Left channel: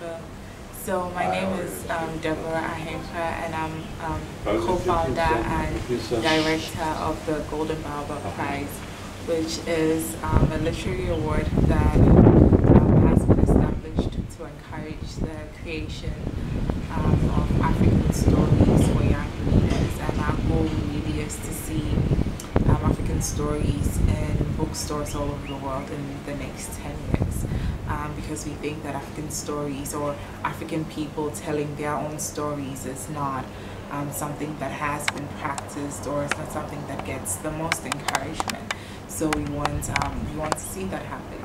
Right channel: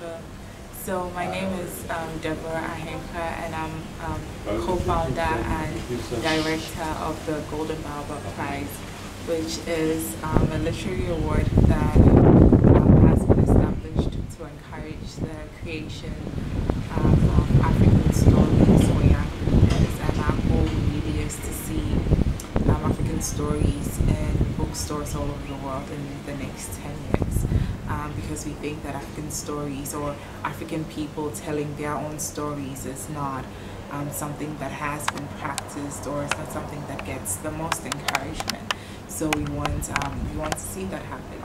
Jennifer. So my name is Deborah Ahenkorah, and I'm co-founder and director of the Golden Baobab Prize, which is a literary award that has been established to encourage the creation of African stories for young readers. And our goal really is to see African stories in bookstores all over the world in the next 10 years. Because we think that African stories or African people telling their own stories is not something that has been practiced, or it's not something that gets the most encouragement. So we want to see that happen.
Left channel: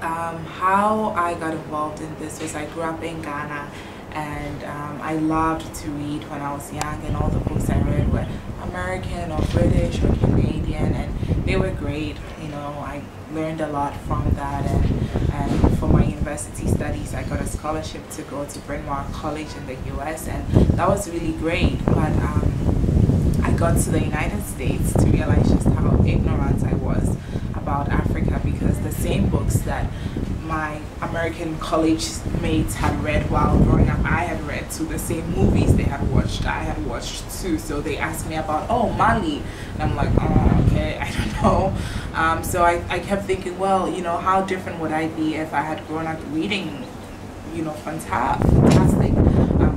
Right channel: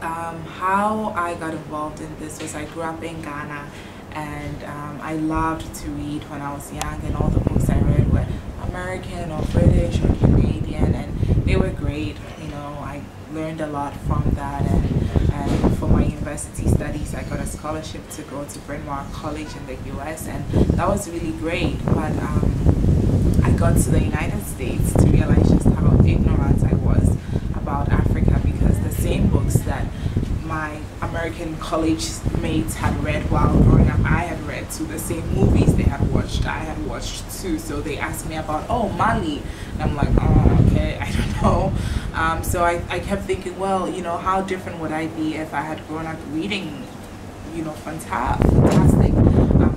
How I got involved in this was I grew up in Ghana, and I loved to read when I was young, and all the books I read were American or British or Canadian, and they were great. You know, I learned a lot from that, and for my university studies I got a scholarship to go to Bryn Mawr College in the US, and that was really great. But I got to the United States to realize just how ignorant I was about Africa, because the same books that my American college mates had read while growing up, I had read too. The same movies they had watched, I had watched too. So they asked me about, oh, Mali, and I'm like, oh, okay, I don't know. So I kept thinking, well, you know, how different would I be if I had grown up reading, you know, fantastic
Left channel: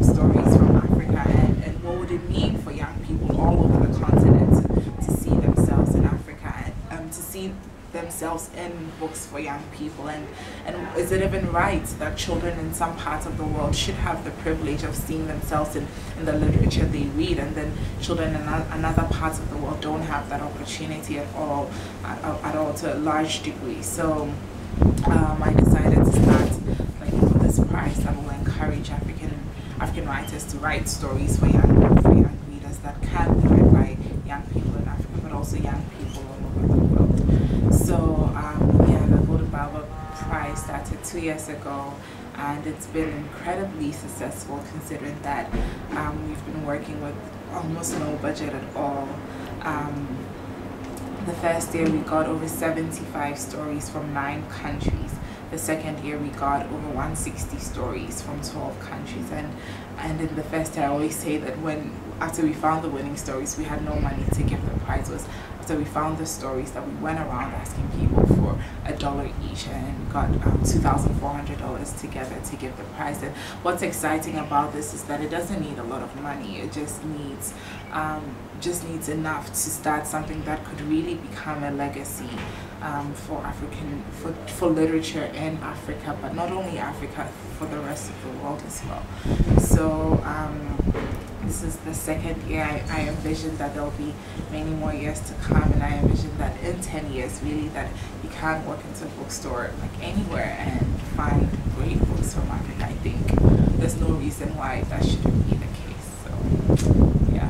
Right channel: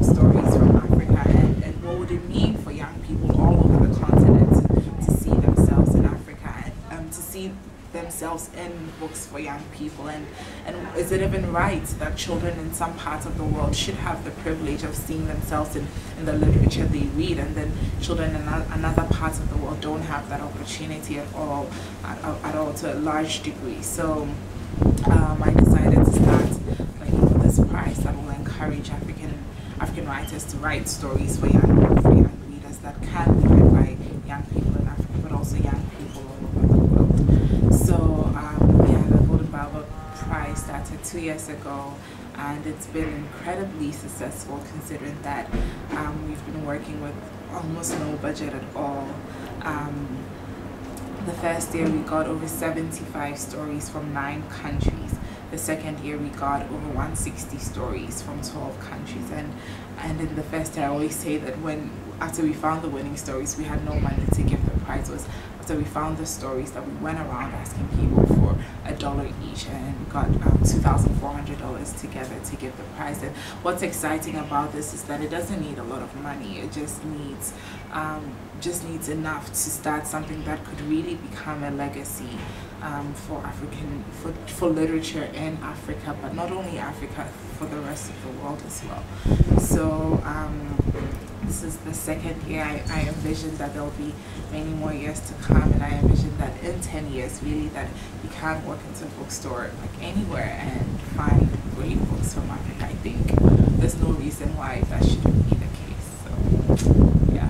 stories from Africa, and what would it mean for young people all over the continent to see themselves in Africa, and to see themselves in books for young people, and is it even right that children in some parts of the world should have the privilege of seeing themselves in the literature they read, and then children in another parts of the world don't have that opportunity at all to a large degree. So I decided to start, like, you know, this prize that will encourage African writers to write stories for young readers that can be read by young people in Africa, but also young people all over the world. So yeah, the Golden Baobab Prize started 2 years ago, and it's been incredibly successful, considering that we've been working with almost no budget at all. The first year we got over 75 stories from 9 countries. The second year we got over 160 stories from 12 countries, and in the first year I always say that after we found the winning stories, we had no money to give the prize. Was after we found the stories that we went around asking people for $1 each, and got $2,400 together to give the prize. And what's exciting about this is that it doesn't need a lot of money. It just needs enough to start something that could really become a legacy for literature in Africa, but not only Africa, for the rest of the world as well. So this is the second year. I envision that there'll be many more years to come, and I envision that in 10 years, really, that you can walk into a bookstore like anywhere and find great books from Africa. I think there's no reason why that shouldn't be the case. So yeah.